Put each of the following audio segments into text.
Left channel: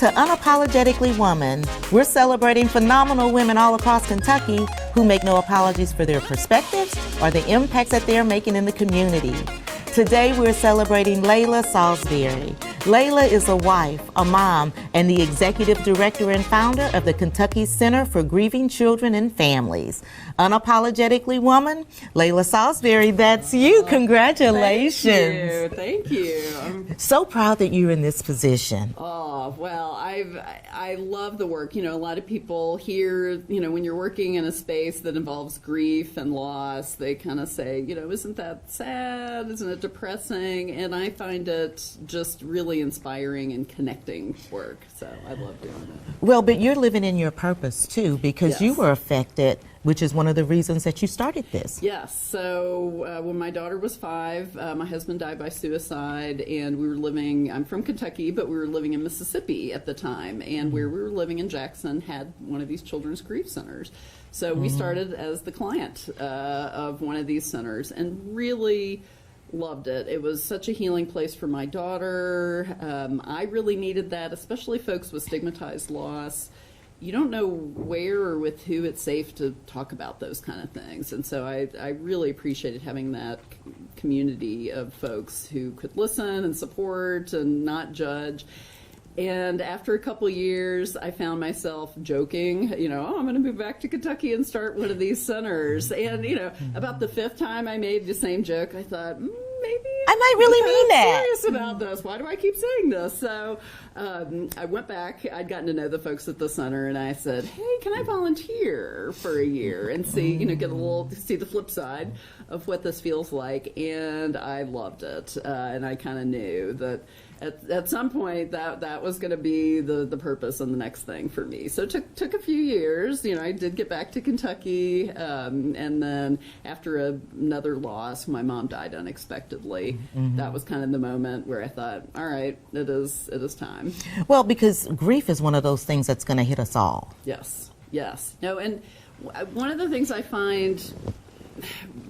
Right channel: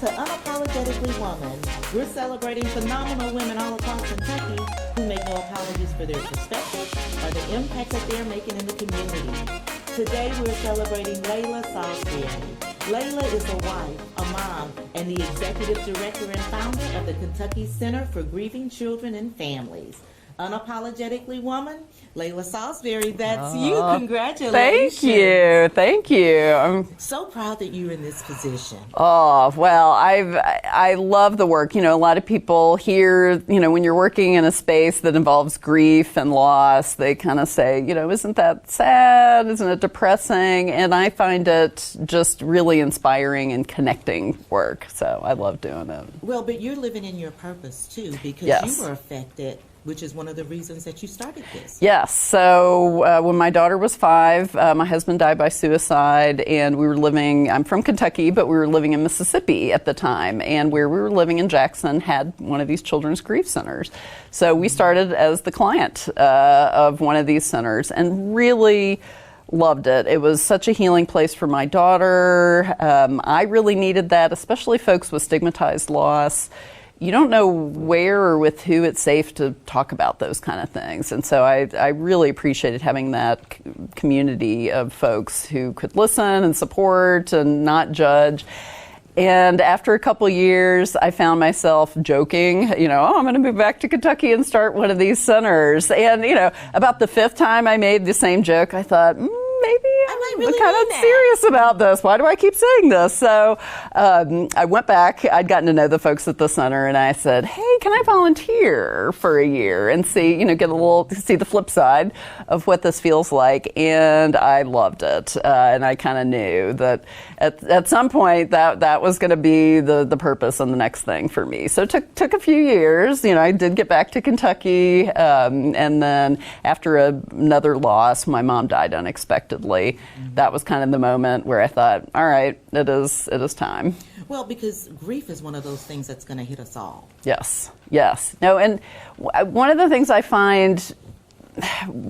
to Unapologetically Woman. We're celebrating phenomenal women all across Kentucky who make no apologies for their perspectives or the impacts that they're making in the community. Today we're celebrating Leila Salisbury. Leila is a wife, a mom, and the executive director and founder of the Kentucky Center for Grieving Children and Families. Unapologetically Woman, Leila Salisbury, that's you. Congratulations. Thank you. I'm so proud that you're in this position. Oh, well, I love the work. You know, a lot of people here, you know, when you're working in a space that involves grief and loss, they kind of say, you know, isn't that sad? Isn't it depressing? And I find it just really inspiring and connecting work. So I love doing it. Well, but you're living in your purpose too, because Yes. you were affected, which is one of the reasons that you started this. Yes. So when my daughter was 5, my husband died by suicide, and we were living, I'm from Kentucky, but we were living in Mississippi at the time, and where we were living in Jackson had one of these children's grief centers. So we started as the client of one of these centers and really loved it. It was such a healing place for my daughter. I really needed that, especially folks with stigmatized loss. You don't know where or with who it's safe to talk about those kind of things. And so I really appreciated having that community of folks who could listen and support and not judge. And after a couple years, I found myself joking, you know, oh, I'm going to move back to Kentucky and start one of these centers. And, you know, about the 5th time I made the same joke, I thought, maybe I might really kind mean of that. serious about this. Why do I keep saying this? So I went back. I'd gotten to know the folks at the center, and I said, hey, can I volunteer for a year and see, you know, see the flip side of what this feels like? And I loved it. And I kind of knew that at some point that was going to be the purpose and the next thing for me. So it took a few years. You know, I did get back to Kentucky, and then after another loss, my mom died unexpectedly. That was kind of the moment where I thought, all right, it is time. Well, because grief is one of those things that's going to hit us all. Yes. No, and one of the things I find,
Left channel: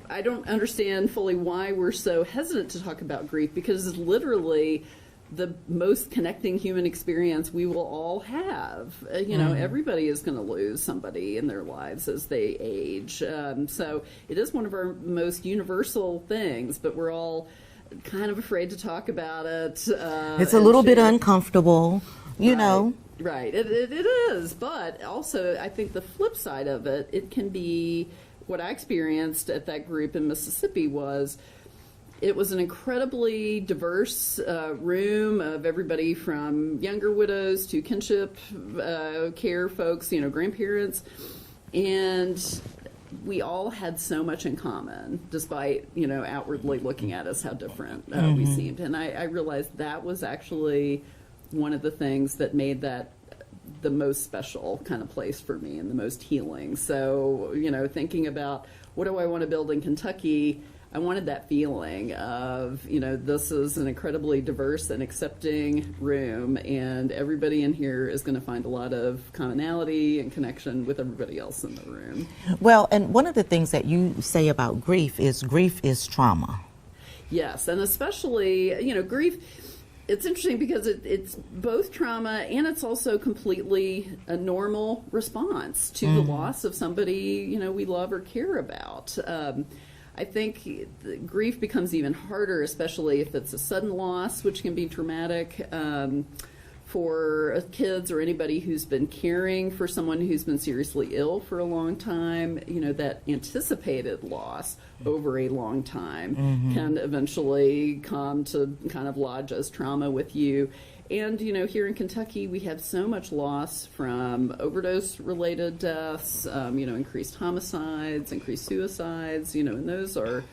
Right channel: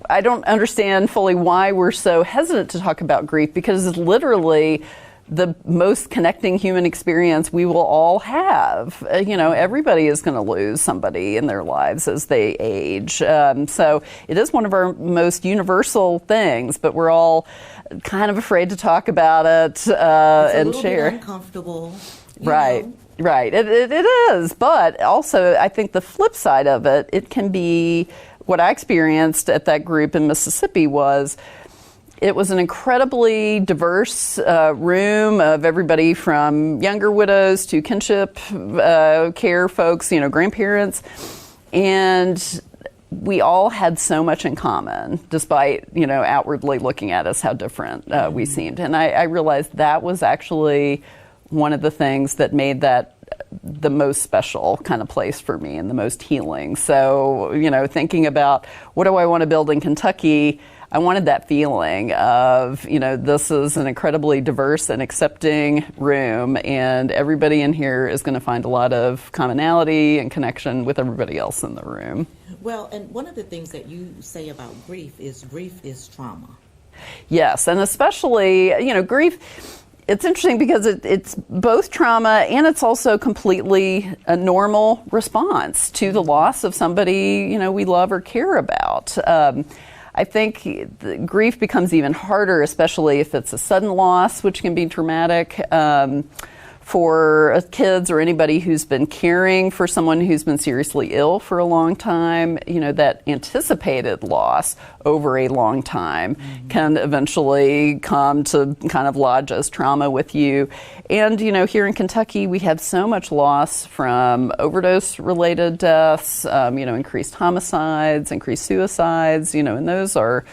I don't understand fully why we're so hesitant to talk about grief, because it's literally the most connecting human experience we will all have. You know, everybody is going to lose somebody in their lives as they age. So it is one of our most universal things, but we're all kind of afraid to talk about it. It's a little bit uncomfortable, you know. Right, it is. But also, I think the flip side of it, it can be, what I experienced at that group in Mississippi was, it was an incredibly diverse room of everybody from younger widows to kinship care folks, you know, grandparents. And we all had so much in common, despite, you know, outwardly looking at us how different we seemed. And I realized that was actually one of the things that made that the most special kind of place for me and the most healing. So, you know, thinking about what do I want to build in Kentucky, I wanted that feeling of, you know, this is an incredibly diverse and accepting room, and everybody in here is going to find a lot of commonality and connection with everybody else in the room. Well, and one of the things that you say about grief is trauma. Yes, and especially, you know, grief, it's interesting because it's both trauma and it's also completely a normal response to the loss of somebody, you know, we love or care about. I think the grief becomes even harder, especially if it's a sudden loss, which can be traumatic for kids or anybody who's been caring for someone who's been seriously ill for a long time. You know, that anticipated loss over a long time can eventually come to kind of lodge as trauma with you. And, you know, here in Kentucky, we have so much loss from overdose-related deaths, you know, increased homicides, increased suicides, you know, and those are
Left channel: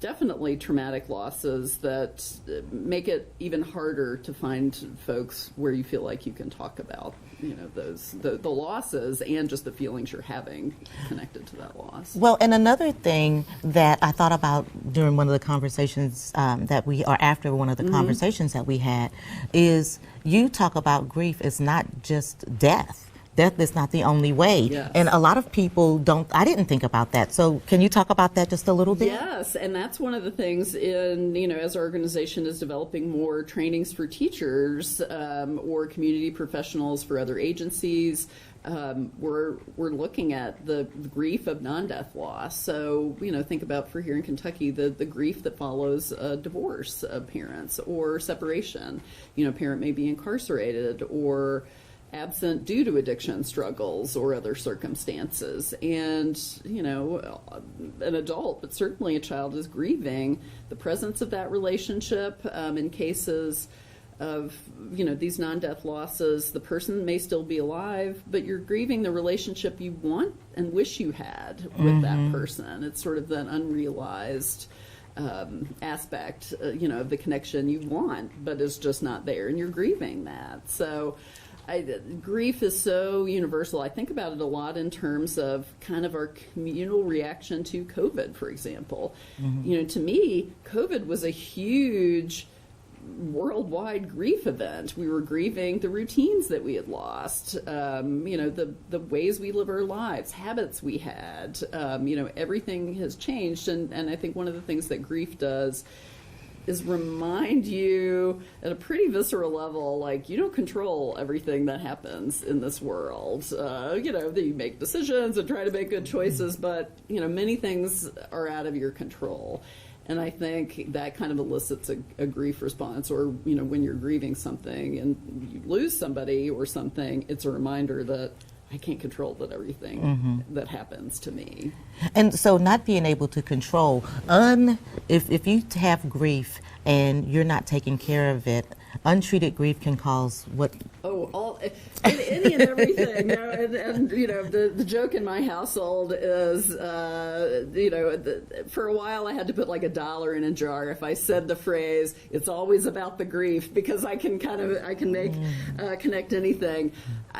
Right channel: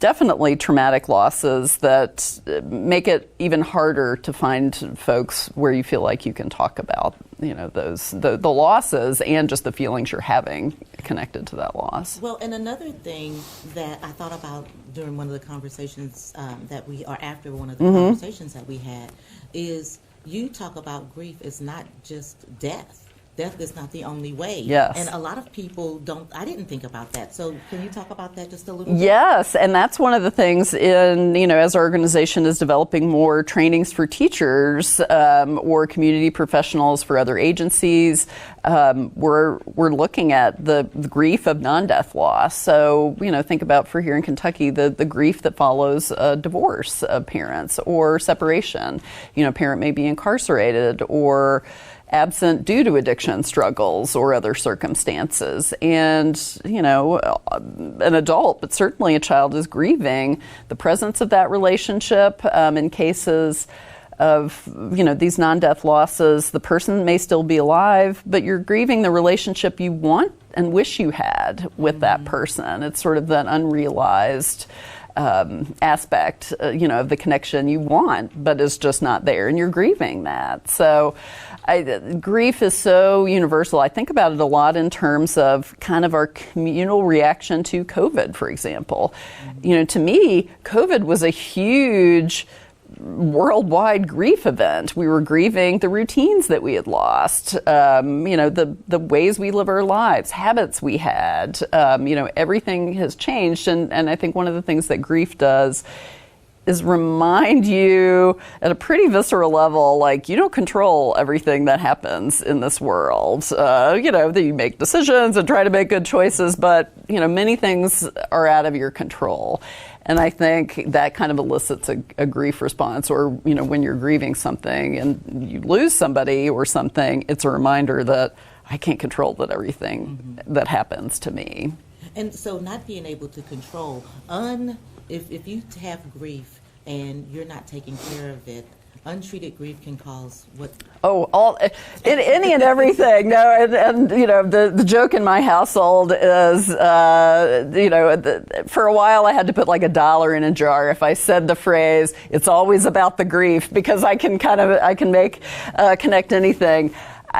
definitely traumatic losses that make it even harder to find folks where you feel like you can talk about, you know, the losses and just the feelings you're having connected to that loss. Well, and another thing that I thought about during one of the conversations after one of the conversations that we had is you talk about grief is not just death. death is not the only way. Yes. And a lot of people I didn't think about that. So can you talk about that just a little bit? Yes, and that's one of the things as our organization is developing more trainings for teachers or community professionals for other agencies. We're looking at the grief of non-death loss. So, think about for here in Kentucky, the grief that follows a divorce of parents or separation. A parent may be incarcerated or absent due to addiction struggles or other circumstances. And, an adult, but certainly a child, is grieving the presence of that relationship. In cases of, these non-death losses, the person may still be alive, but you're grieving the relationship you want and wish you had with that person. It's sort of that unrealized aspect, of the connection you want, but is just not there, and you're grieving that. So grief is so universal. I think about it a lot in terms of kind of our communal reaction to COVID, for example. To me, COVID was a huge worldwide grief event. We were grieving the routines that we had lost, the ways we live our lives, habits we had, everything has changed. And I think one of the things that grief does is remind you at a pretty visceral level, like, you don't control everything that happens in this world. That you make decisions and try to make good choices, but, many things are out of your control. And I think that kind of elicits a grief response, or, when you're grieving something and you lose somebody or something, it's a reminder that I can't control everything that happens to me. And so not being able to control, if you have grief and you're not taking care of it, untreated grief can cause what? Any and everything. The joke in my household is, for a while I had to put like $1 in a jar if I said the phrase, "It's always about the grief," because I can connect anything.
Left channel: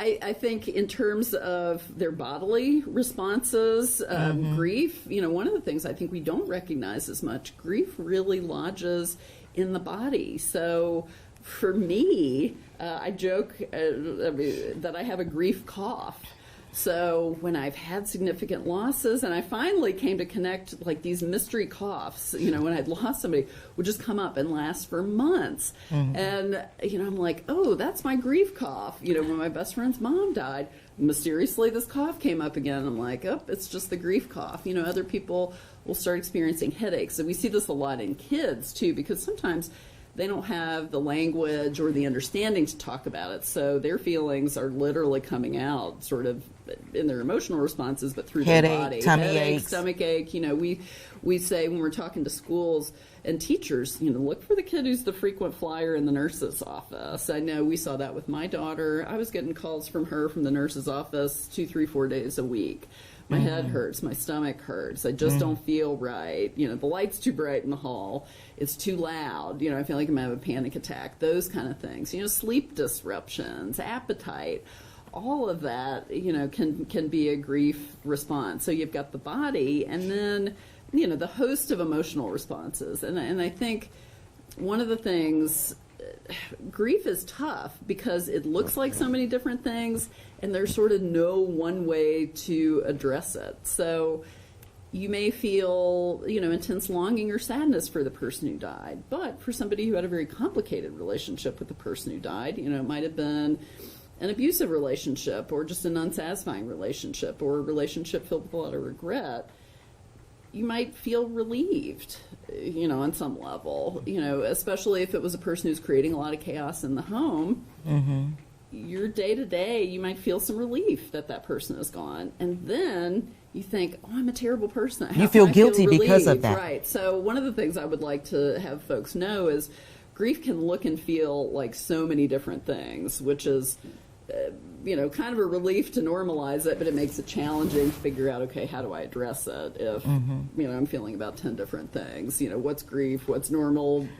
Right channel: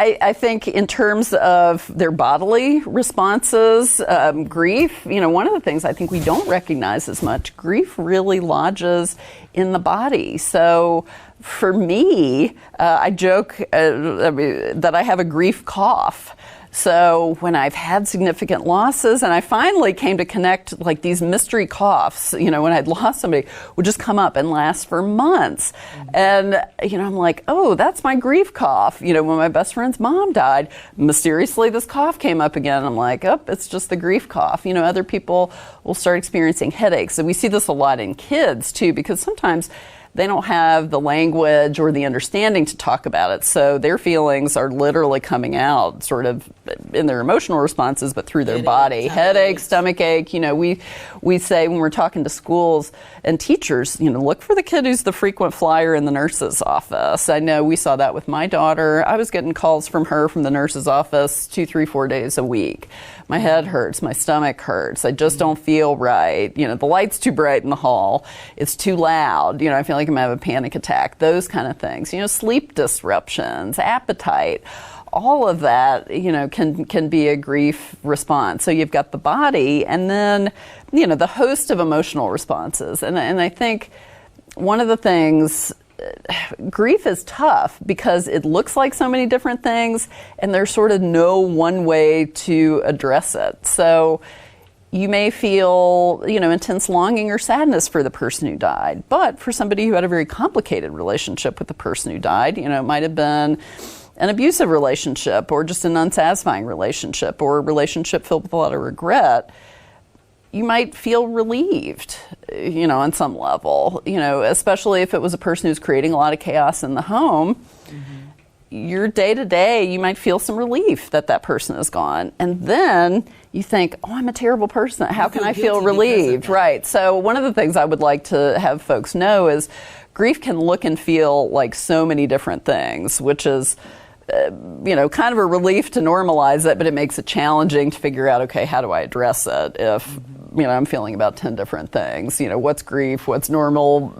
I think in terms of their bodily responses, grief, one of the things I think we don't recognize as much, grief really lodges in the body. So for me, I joke that I have a grief cough. So when I've had significant losses, and I finally came to connect, like, these mystery coughs, when I'd lost somebody, would just come up and last for months. And, I'm like, oh, that's my grief cough. When my best friend's mom died, mysteriously this cough came up again. I'm like, oh, it's just the grief cough. Other people will start experiencing headaches. And we see this a lot in kids, too, because sometimes they don't have the language or the understanding to talk about it. So their feelings are literally coming out sort of in their emotional responses, but through their body. Headache, stomach ache. We say when we're talking to schools and teachers, look for the kid who's the frequent flyer in the nurse's office. I know we saw that with my daughter. I was getting calls from her from the nurse's office 2, 3, 4 days a week. My head hurts, my stomach hurts, I just don't feel right. The light's too bright in the hall, it's too loud, I feel like I'm having a panic attack, those kind of things. Sleep disruptions, appetite, all of that, can be a grief response. So you've got the body, and then, the host of emotional responses. And I think one of the things, grief is tough because it looks like so many different things, and there's sort of no one way to address it. So you may feel, intense longing or sadness for the person who died. But for somebody who had a very complicated relationship with the person who died, it might have been an abusive relationship or just an unsatisfying relationship or a relationship filled with a lot of regret, you might feel relieved, on some level, especially if it was a person who's creating a lot of chaos in the home. Your day-to-day, you might feel some relief that person is gone. And then you think, oh, I'm a terrible person. How can I feel relieved? Right. So one of the things I would like to have folks know is grief can look and feel like so many different things, which is kind of a relief to normalize it, but it makes it challenging to figure out, okay, how do I address it if, I'm feeling about 10 different things, what's grief, what's normal,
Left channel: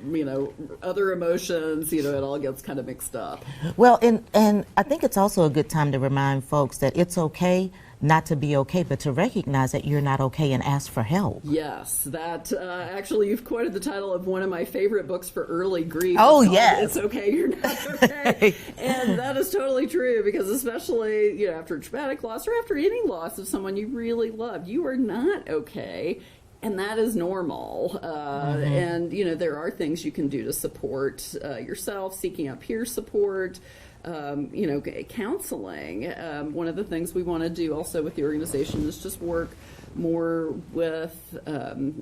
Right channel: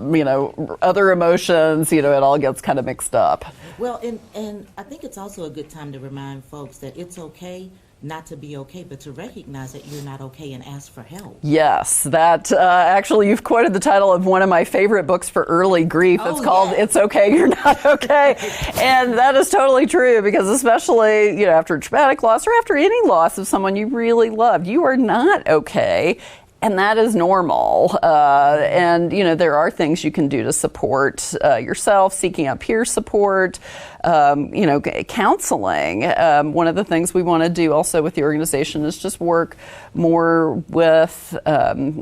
other emotions, it all gets kind of mixed up. Well, and I think it's also a good time to remind folks that it's okay not to be okay, but to recognize that you're not okay and ask for help. Yes, that actually, you've quoted the title of one of my favorite books for early grief. Oh, it's called yes. It's Okay, You're Not Okay. And that is totally true, because especially, after a traumatic loss or after any loss of someone you really loved, you are not okay. And that is normal. And, there are things you can do to support yourself, seeking out peer support, counseling. One of the things we want to do also with the organization is just work more with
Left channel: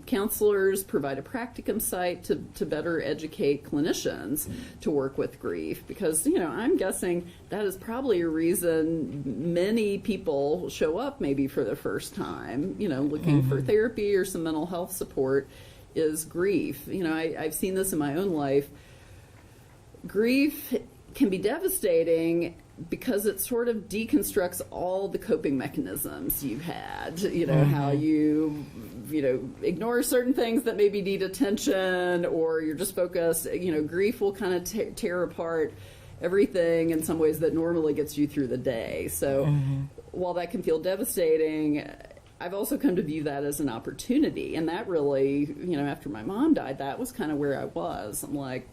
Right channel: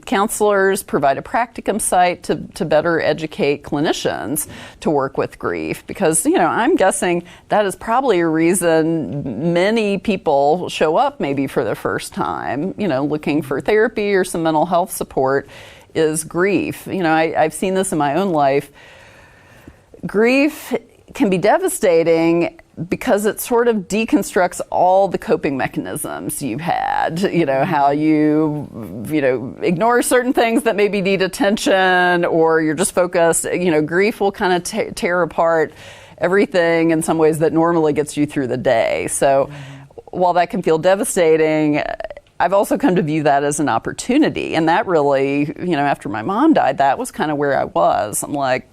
counselors, provide a practicum site to better educate clinicians to work with grief. Because, I'm guessing that is probably a reason many people show up maybe for the first time, looking for therapy or some mental health support, is grief. I've seen this in my own life. Grief can be devastating because it sort of deconstructs all the coping mechanisms you've had, how you ignore certain things that maybe need attention, or you're just focused. Grief will kind of tear apart everything in some ways that normally gets you through the day. So while that can feel devastating, I've also come to view that as an opportunity. And that really, after my mom died, that was kind of where I was. I'm like,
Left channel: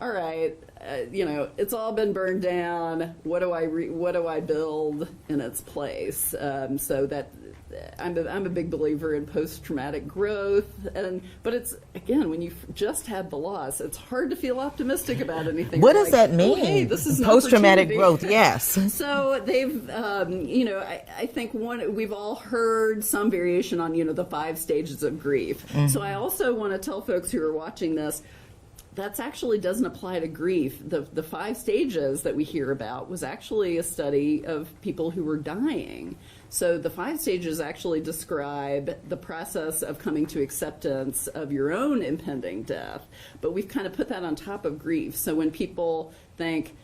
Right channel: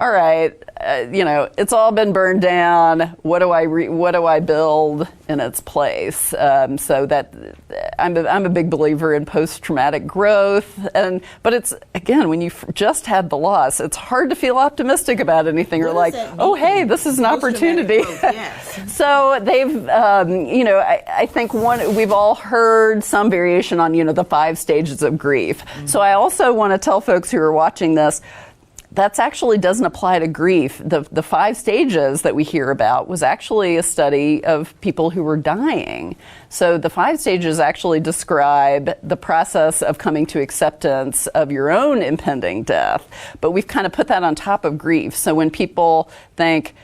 all right, it's all been burned down. What do I build in its place? So that I'm a big believer in post-traumatic growth. But it's, again, when you just had the loss, it's hard to feel optimistic about anything. What You're does like, that mean? oh, hey, this is an Post-traumatic opportunity. growth, yes. So they've, I think we've all heard some variation on, the 5 stages of grief. So I also want to tell folks who are watching this, that actually doesn't apply to grief. The 5 stages that we hear about was actually a study of people who were dying. So the 5 stages actually describe the process of coming to acceptance of your own impending death. But we've kind of put that on top of grief. So when people think,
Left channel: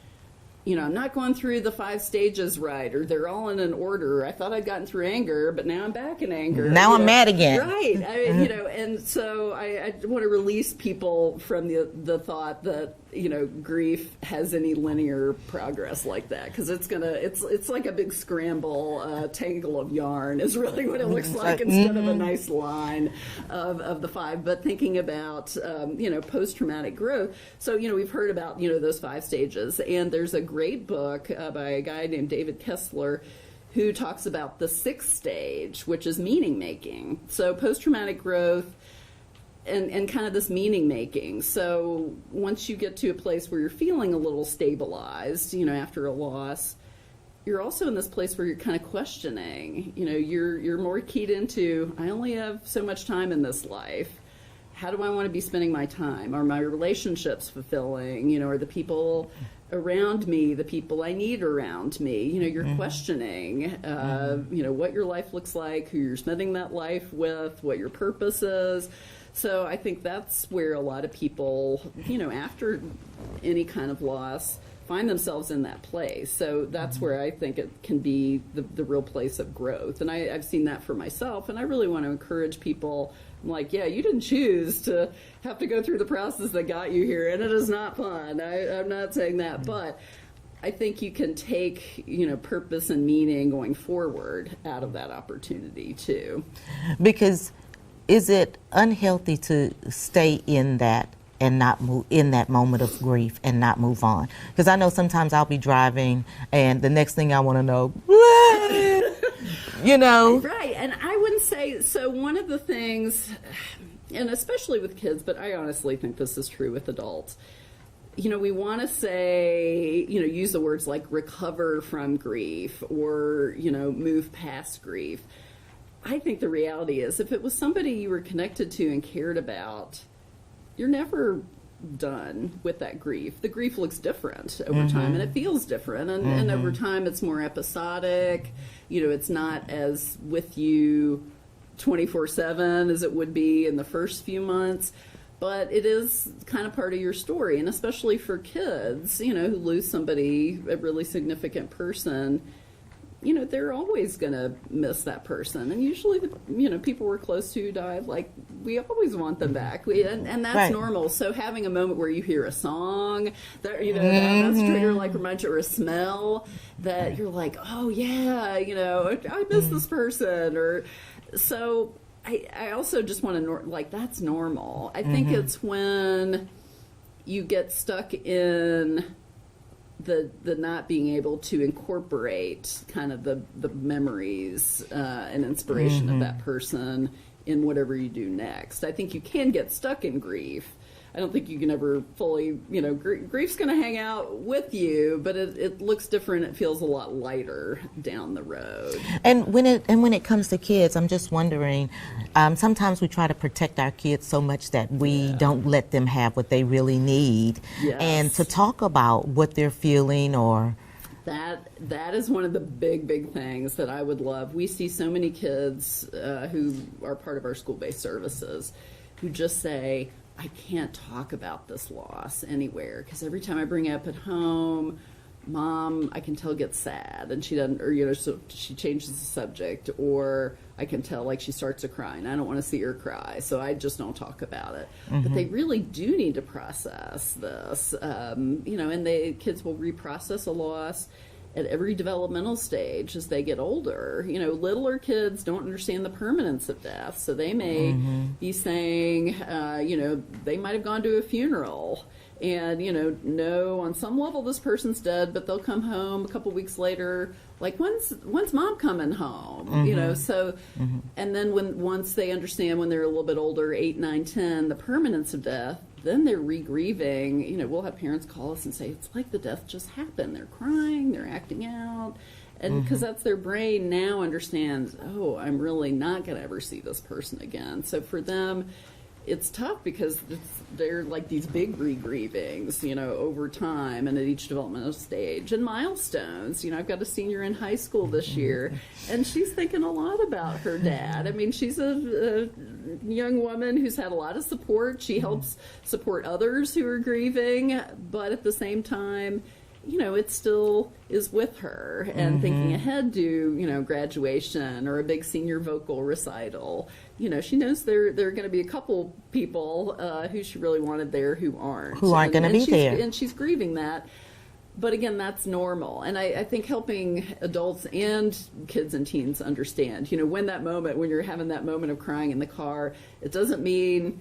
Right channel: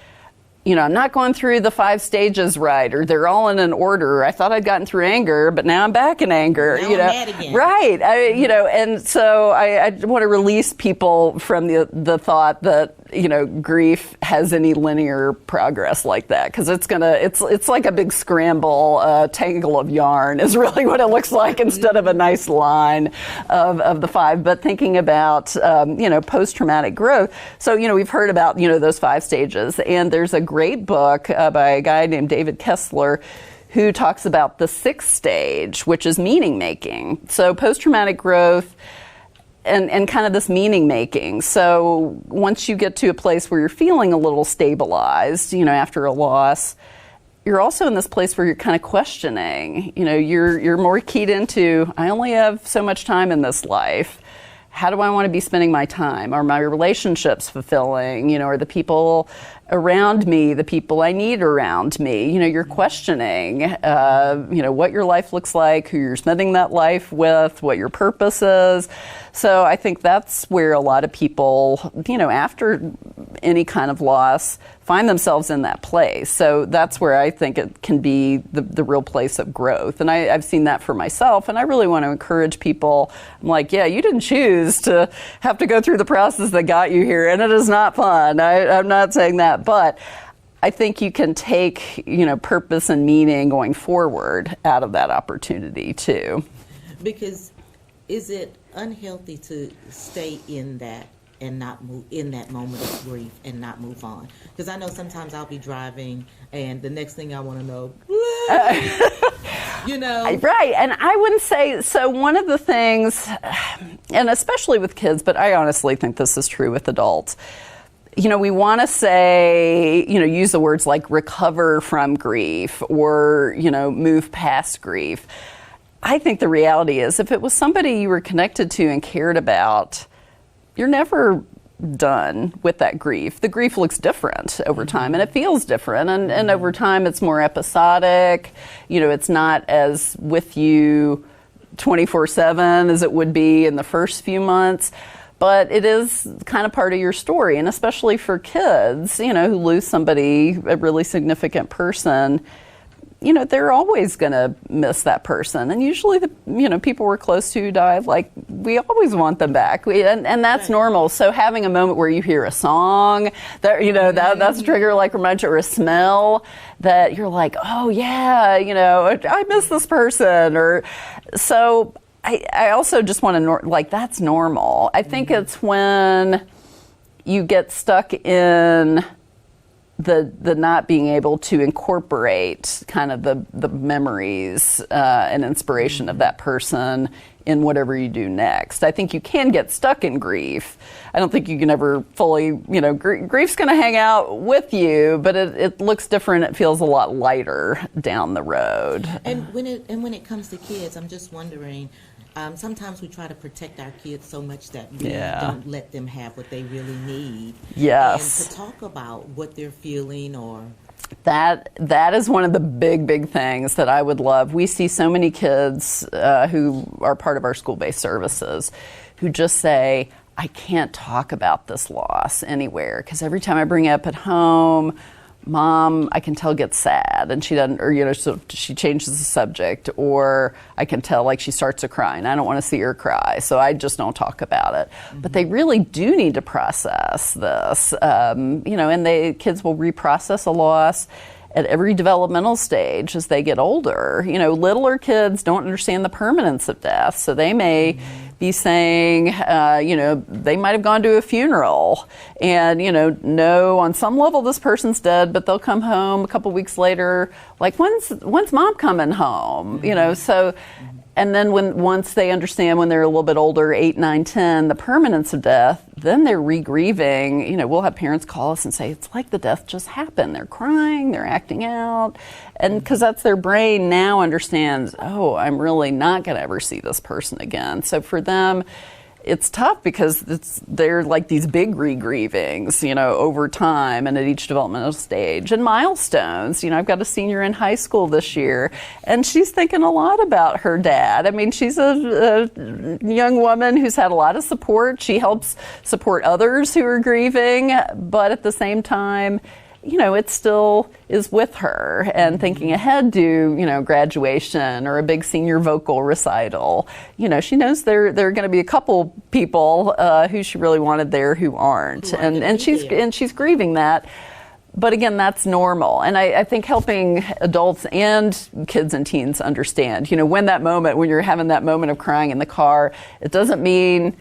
I'm not going through the 5 stages right, or they're all in an order. I thought I'd gotten through anger, but now I'm back in anger. Now I'm mad again. Right. And so I want to release people from the thought that, grief has any linear progress like that, because it's like a big scramble, tangle of yarn is really what it looks like, instead of a nice line of the 5. But thinking about, post-traumatic growth. So, we've heard about, those 5 stages, and there's a great book by a guy named David Kessler who talks about the 6th stage, which is meaning making. So post-traumatic growth and kind of this meaning making. So once you get to a place where you're feeling a little stabilized, after a loss, you're also in this place where you're kind of questioning. You're more keyed into, I only have so much time in this life. How do I want to be spending my time? Are my relationships fulfilling? Are the people around me the people I need around me? You're questioning, what your life looks like, who you're spending that life with, what your purpose is. So I think that's where a lot of people, after any kind of loss, find themselves in that place. So that's where I think it can be the real place of growth. And I've seen that for myself, and I really want to encourage people. I'm like, yeah, you didn't choose to have to go through the process that got you here, and it is not fun. I'm not saying that, but I think you can take, purpose and meaning going forward out of that opportunity too. Because is it unhealthy to stay in that and not move in that moment of grief and not move on? Because I know sometimes I'll be driving and the next thing I want to know, Right, and I wouldn't say, so one of the things, and especially with kids, but I honestly think this is true with adults, we want to say, use the words like recover from grief or, move past grief. I think the reality is, if it was somebody you were connected to and cared about, you're never done with that grief. The grief looks different over time, and it feels different, and over time it's more episodic. It's not as with you 24/7 as it would be in the first few months, but it is kind of part of your story. And especially for kids, who lose somebody, a really significant person, they're always going to miss that person. And usually the, people we're close to die, like, we always want them back. And that's right. normal. So having a moment where you hear a song that, that's a trigger, like reminds you, or a smell that you're like, oh yeah, I miss this person. Or so I also just want to, like, that's normal. I think it's when you get stuck in the not being able to incorporate kind of the memories and inspiration of that person in whatever you do next. I think you can get stuck in grief. I don't think you can ever fully, grief's going to hang out with you, but it looks different. It feels a lot lighter down the road. And when it comes to kids, I'm just wondering, sometimes we try to protect our kids so much that we don't let them have what they really need. Yes. And to talk about what they're feeling or... That is one of the big things that I would love. We see so many kids who are part of our school-based services who just say, I can't talk about this loss anywhere because every time I bring it up at home, Mom, I can tell, gets sad, and she doesn't, or so she changes the subject, or I can tell, like, she starts to cry, and I don't want to see her cry, so I just don't talk about it. But they really do need to process this, and kids will reprocess a loss at every developmental stage as they get older. Littler kids don't understand the permanence of death, so they may be saying, they might have gone to a funeral and, know on some level this person's dead, but they'll come home a couple weeks later, like, when's Mom coming home? And then once they understand when they're a little bit older, 8, 9, 10, the permanence of death, then they're re-grieving. We'll have parents call us and say, it's like the death just happened. They're crying, they're acting out. And because that's their brain now understands, oh, I'm really not going to ever see this person again. So for them, it's tough because they're like these big re-grievings, over time and at each developmental stage. And milestones, I've got a senior in high school this year, and she's thinking a lot about her dad. I mean, she's a young woman who's had a lot of support. She helps support others who are grieving, but at the same time, it still is with her and thinking ahead to, graduation or a big senior vocal recital. She knows there are going to be a couple people who she really wanted there who aren't. And she's grieving that. But again, that's normal. And I think helping adults and kids and teens understand, when you're having that moment of crying in the car, it doesn't mean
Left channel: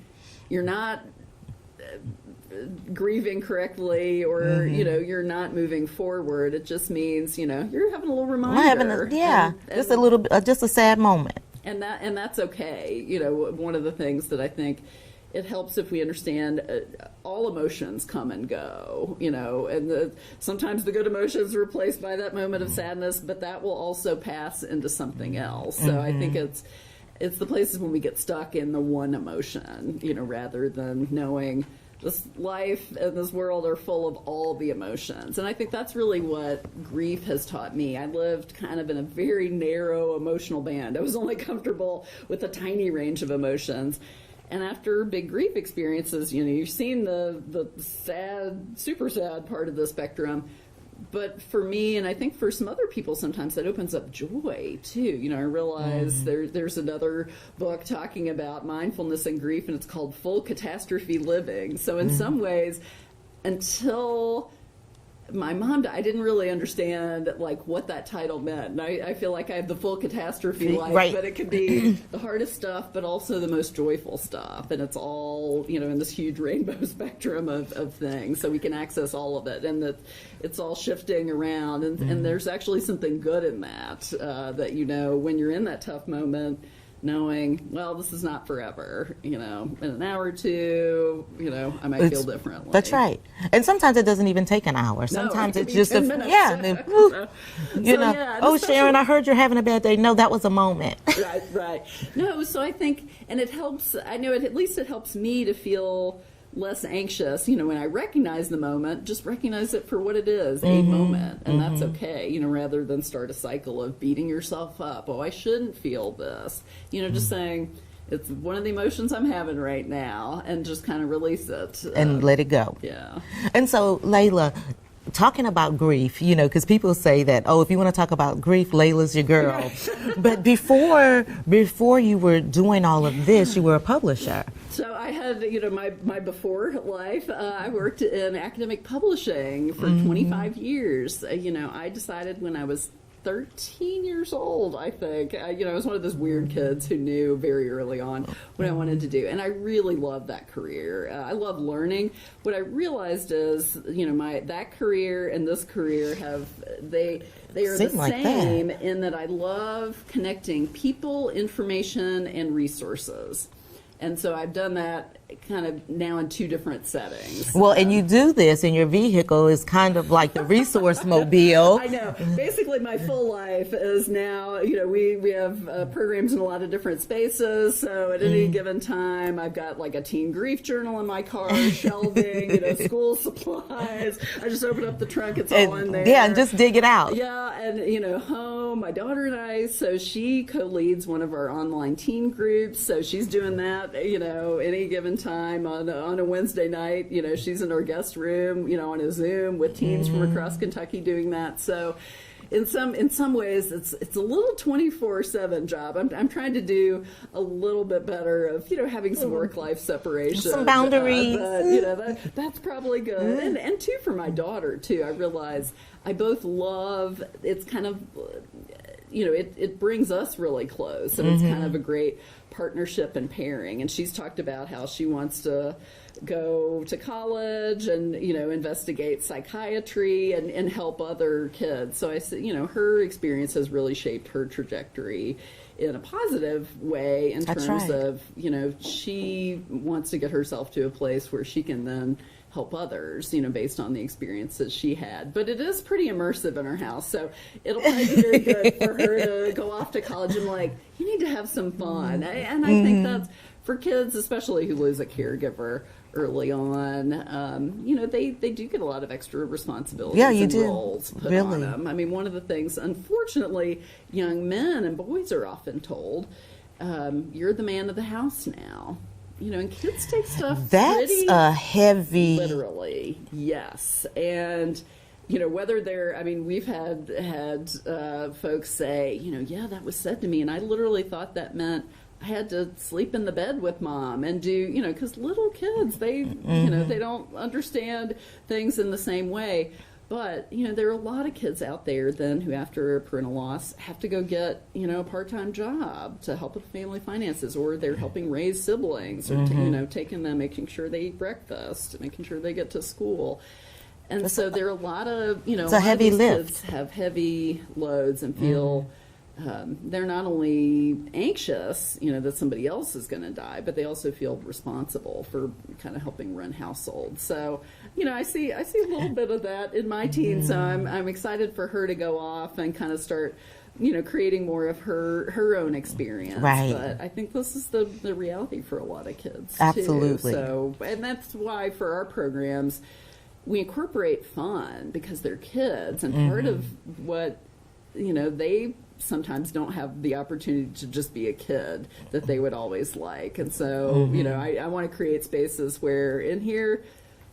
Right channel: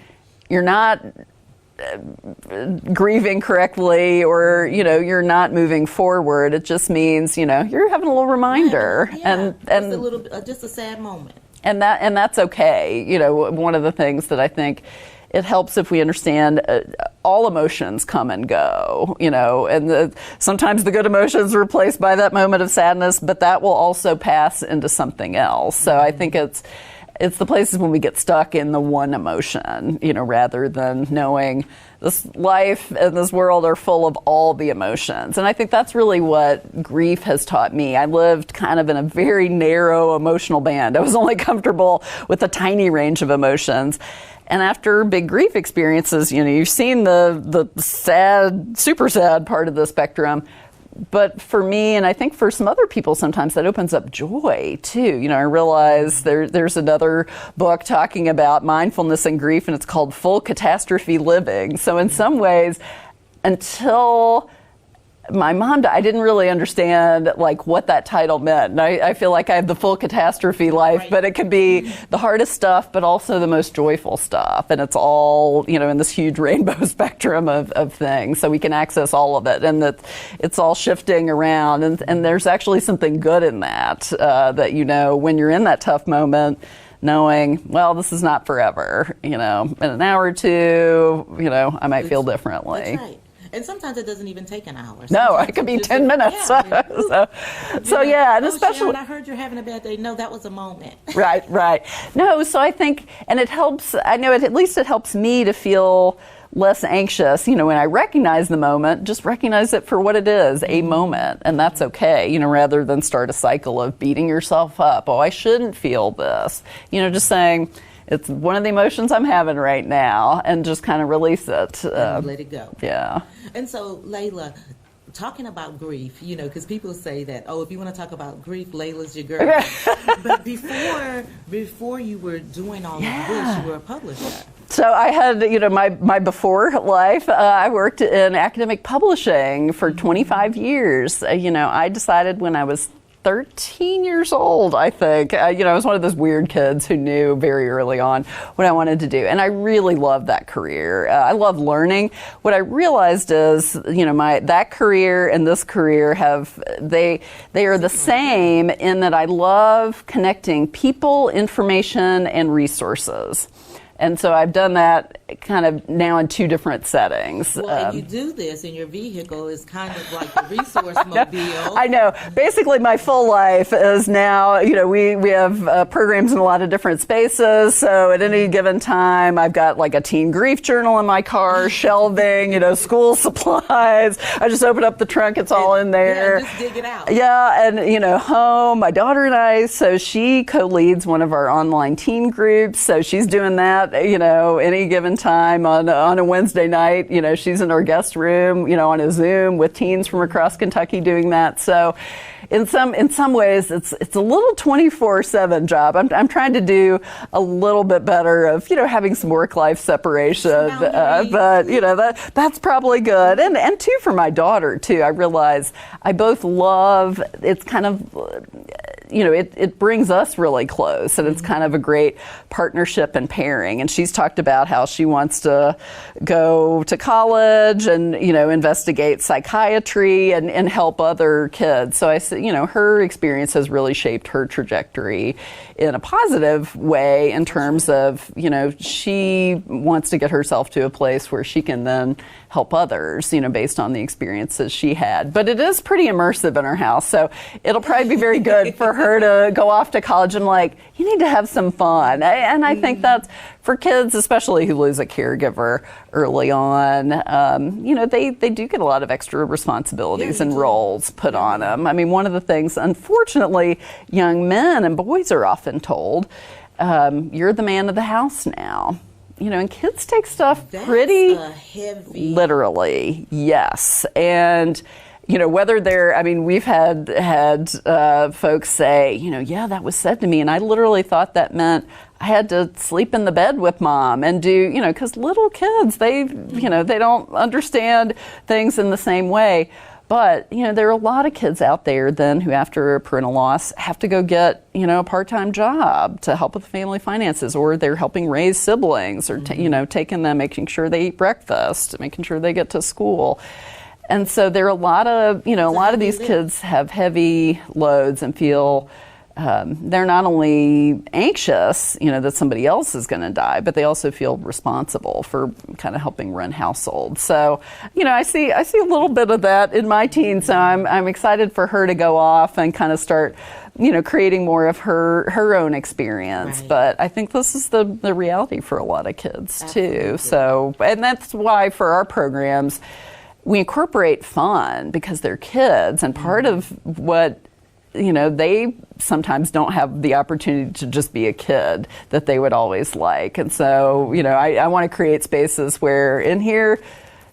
you're not grieving correctly or you're not moving forward. It just means you're having a little reminder. Just a sad moment, and that's okay. One of the things that I think it helps if we understand all emotions come and go, and sometimes the good emotions are replaced by that moment of sadness, but that will also pass into something else. So I think it's the places when we get stuck in the one emotion, rather than knowing this life and this world are full of all the emotions. And I think that's really what grief has taught me. I lived kind of in a very narrow emotional band. I was only comfortable with a tiny range of emotions. And after big grief experiences, you've seen the sad, super sad part of the spectrum. But for me, and I think for some other people sometimes, that opens up joy too. I realize there's another book talking about mindfulness and grief, and it's called Full Catastrophe Living. So in some ways, until my mom died, I didn't really understand what that title meant. And I feel like I have the full catastrophe life, but it can be the hardest stuff, but also the most joyful stuff. And it's all, in this huge rainbow spectrum of things. So we can access all of it, and that it's all shifting around. And there's actually something good in that, that, when you're in that tough moment, knowing, well, this is not forever, in an hour or two, I might feel differently. That's right. And sometimes it doesn't even take an hour. Sometimes it can be 10 minutes. Yeah. Oh, Sharon, I heard you're having a bad day. No, that was a moment. Right. No, so I think, and it helps, I know at least it helps me to feel less anxious. When I recognize the moment, just recognize it for what it is, a moment, and that's okay, rather than start a cycle of beating yourself up. Oh, I shouldn't feel this. Just saying, it's one of the emotions I'm having right now, and just kind of release it. And let it go. Yeah. And so, Leila, talking about grief, you know, because people say that, oh, if you want to talk about grief, Leila's your girl. But before you were doing all of this, you were a publisher. So I had, you know, my before life, I worked in academic publishing for 25 years. You know, I decided when I was 13 years old, I think. You know, I was one of those weird kids who knew very early on what I wanted to do. And I really loved that career. I love learning. What I realized is, you know, that career and this career they are the same in that I love connecting people, information, and resources. And so I've done that kind of now in two different settings. Well, and you do this, and your vehicle is kind of like the resource mobile. I know. Basically, my full life is now, you know, we have programs in a lot of different spaces. So at any given time, I've got like a teen grief journal in my car, shelving, you know, school supplies. I just open up the trunk, it's all in there. Yeah, and just dig it out. Yeah, and, you know, home, my daughter and I, so she co-leads one of our online teen groups. So she's doing that. You know, any given time on a Wednesday night, you know, she's in our guest room, you know, on a Zoom with teens from across Kentucky doing that. So in some ways, it's a little 24/7 job. I'm trying to do a little bit better of, you know, having some work-life separation. Some boundaries. But, you know, that's probably good. And too, for my daughter, too, I realize I both love, it's kind of, you know, it brings us really close, and it's kind of a great partnership and pairing. And she's talked about how she wants to go to college and, you know, investigate psychiatry and help other kids. So I said, you know, her experience has really shaped her trajectory in a positive way in terms of, you know, she wants to get herself to a place where she can then help others, you know, based on the experiences she had. But it is pretty immersive in her house, so it'll probably be very good for her to go off to college and like, you need to have some fun. And I think that's, for kids, especially who lose a caregiver early on, you know, they do get a lot of extra responsibilities and roles put on them. I mean, one of the things, unfortunately, young men and boys are often told, you're the man of the house now. You know, and kids take stuff pretty heavy. Literally, yes. And, you know, whether they're, I mean, we've had folks say, you know, yeah, that was said to me, and I literally thought that meant I had to sleep in the bed with mom and do, you know, because little kids, they, you know, they don't understand things in the same way. But, you know, there are a lot of kids out there then who, after a parental loss, have to go get, you know, a part-time job to help with family finances, or they're helping raise siblings, or, you know, taking them, making sure they eat breakfast, making sure they get to school. And so there are a lot of, you know, a lot of these kids have heavy loads and feel they're not only anxious, you know, that somebody else is going to die, but they also feel responsible for kind of helping run households. So, you know, I see a little bit of that in my teen. So I'm excited for her to go off and kind of start, you know, creating more of her own experience. Right. But I think this is the reality for a lot of kids Absolutely. too. So, and that's why for our programs, we incorporate fun because they're kids, and part of what, you know, they sometimes don't have the opportunity to just be a kid that they would always like. And so, you know, I want to create spaces where in here,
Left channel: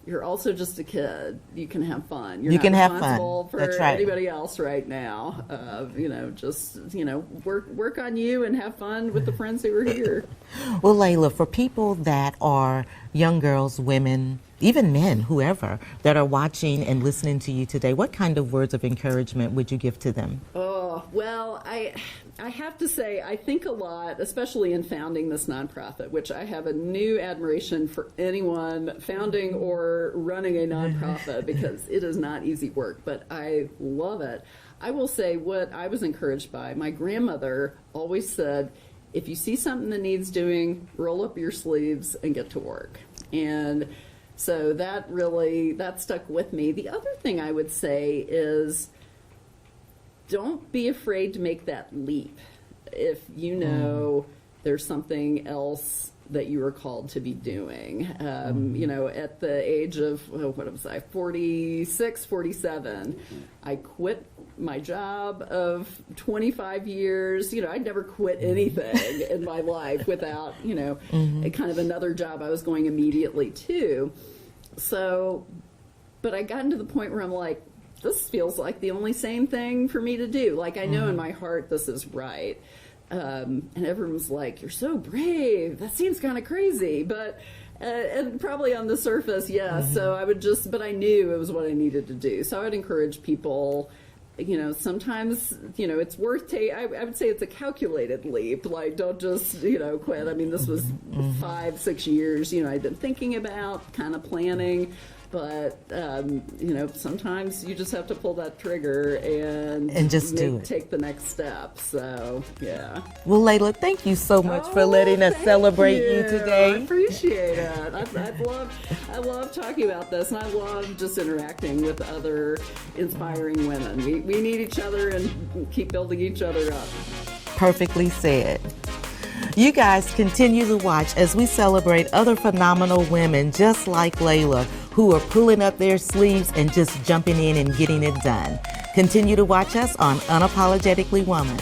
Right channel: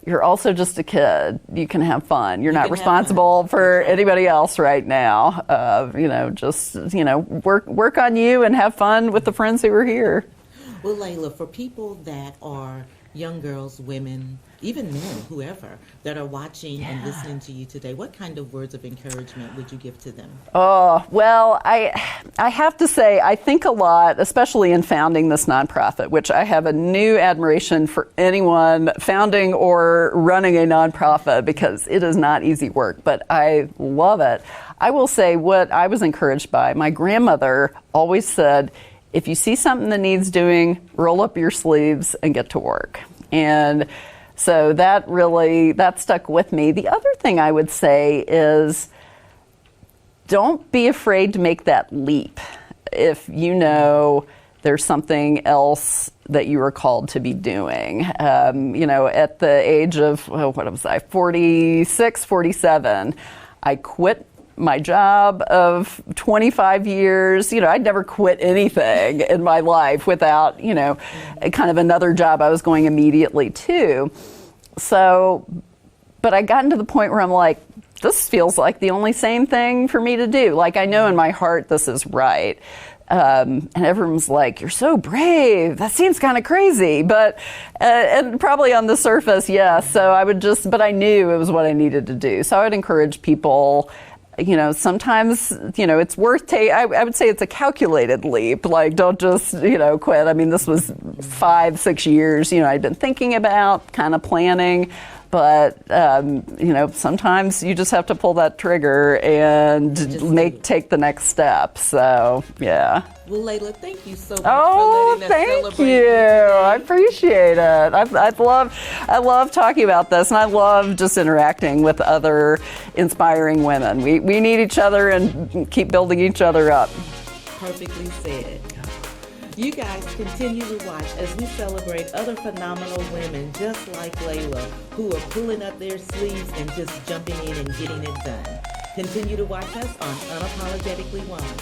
you're also just a kid. You can have fun. You're not responsible for anybody else right now. You know, just, you know, work on you and have fun with the friends who are here. Well, Leila, for people that are young girls, women, even men, whoever, that are watching and listening to you today, what kind of words of encouragement would you give to them? Oh, well, I have to say, I think a lot, especially in founding this nonprofit, which I have a new admiration for anyone founding or running a nonprofit, because it is not easy work, but I love it. I will say what I was encouraged by, my grandmother always said, if you see something that needs doing, roll up your sleeves and get to work. And so that stuck with me. The other thing I would say is, don't be afraid to make that leap if you know there's something else that you are called to be doing. You know, at the age of, what was I, 46, 47, I quit my job of 25 years. You know, I'd never quit anything in my life without, you know, kind of another job I was going immediately to. So, but I gotten to the point where I'm like, this feels like the only sane thing for me to do. Like, I know in my heart this is right. And everyone's like, you're so brave. That seems kind of crazy. But, and probably on the surface, yes. So I would but I knew it was what I needed to do. So I would encourage people, you know, sometimes, you know, it's worth I would say it's a calculated leap. Like, don't just, you know, quit. I mean, this was 5-6 years, you know, I'd been thinking about, kind of planning. But, you know, sometimes you just have to pull that trigger and take the next step. So, yeah. Well, Leila, thank you so much for letting us celebrate you today. I appreciate it. I love talking about this, and I love just interacting with other inspiring women. We need each other and keep building each other up. Perfectly said. You guys continue to watch as we celebrate other phenomenal women just like Leila, who are pulling up their sleeves and just jumping in and getting it done. Continue to watch us on Unapologetically Woman.